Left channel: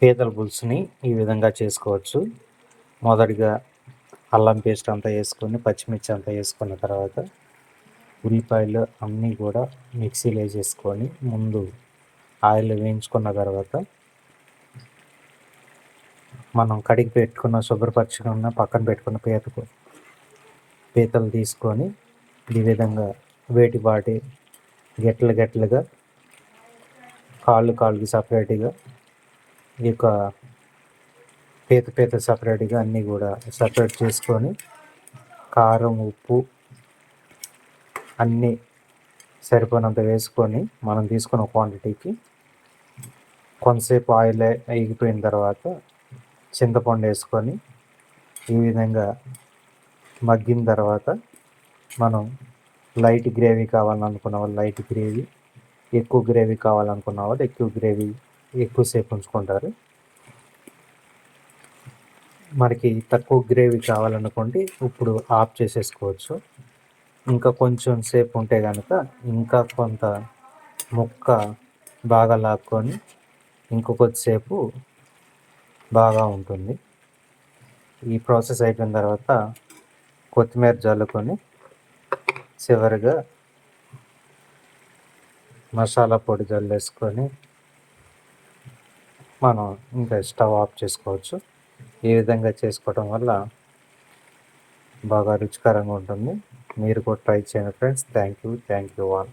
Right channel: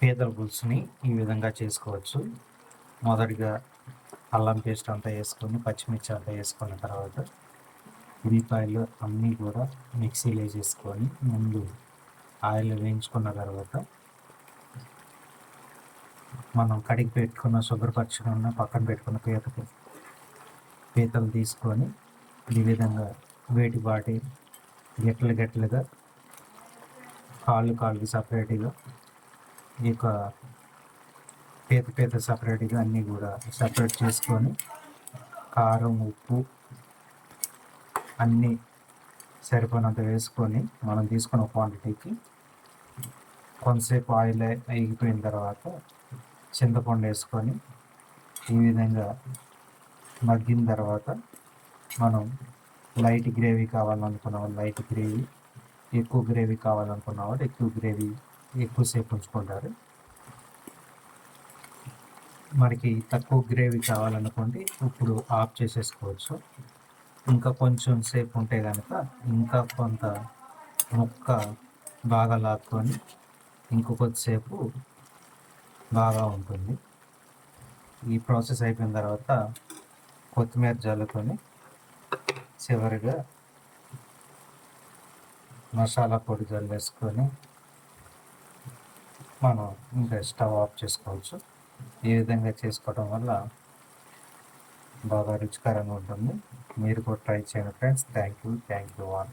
పీతల పులుసుని ఈ విధంగా చేసుకోవచ్చు. మొదటిగా అల్లం పేస్ట్ అంతా వేసుకొని, పచ్చిమిర్చి అంతా వేసుకున్న తర్వాత ఉల్లిపాయలు అన్నీ కూడా మిక్సీలో వేసేసుకొని ముందు ఆయిల్ వేయించుకున్న తర్వాత మనం కడిగి పెట్టుకున్న శుభ్రపరచుకున్న పక్కన పెట్టుకున్న పీతలు తీసుకొని ఈ విధంగా వాటి గెట్లుగా కాళ్ళకి సపరేట్గా ఈ యొక్క పీత సపరేట్గా అన్నీ కూడా సపరేట్ చేసుకొని కారం ఉప్పు అన్నీ సరిపోయినంత వేసుకొని మనం తీసుకున్న క్వాంటిటీకి కొంతసేపు ఆయిల్ అయిపోయిన తర్వాత చింతపండు వేసుకొని ఈ విధంగా మగ్గిన తర్వాత మనం లైట్ గ్రేవీ కావాలనుకున్న వాళ్ళు లైట్ గ్రేవీ, ఎక్కువ గ్రేవీ కావాలనుకున్న వాళ్ళు ఎక్కువ గ్రేవీ ఎక్కువసేపు ఉంచుకుంటారు. మనకి తక్కువ గ్రేవీ కావాలనుకోండి ఇప్పుడు ఆఫ్ చేసేసుకోవచ్చు. ఇంకా కొంచెం సేపు ఉంటే కనుక ఇంకా కొంత ముక్క బాగా లాక్కొని ఇంకొకొద్దిసేపు బాగా ఉంటుంది. ఈ ప్రాసెస్ అయిపోయిన తర్వాత కొత్తిమీర జల్లుకొని చివరిగా మసాలా పొడి జల్లేసుకొని మనం ఇంకా స్టవ్ ఆఫ్ చేసుకోవచ్చు. ఈ విధంగా చేసుకోవటం వల్ల బాగా రుచికరంగా ఉంటుంది. మీరు కూడా ట్రై చేయండి ఫ్రెండ్స్. Thank you all.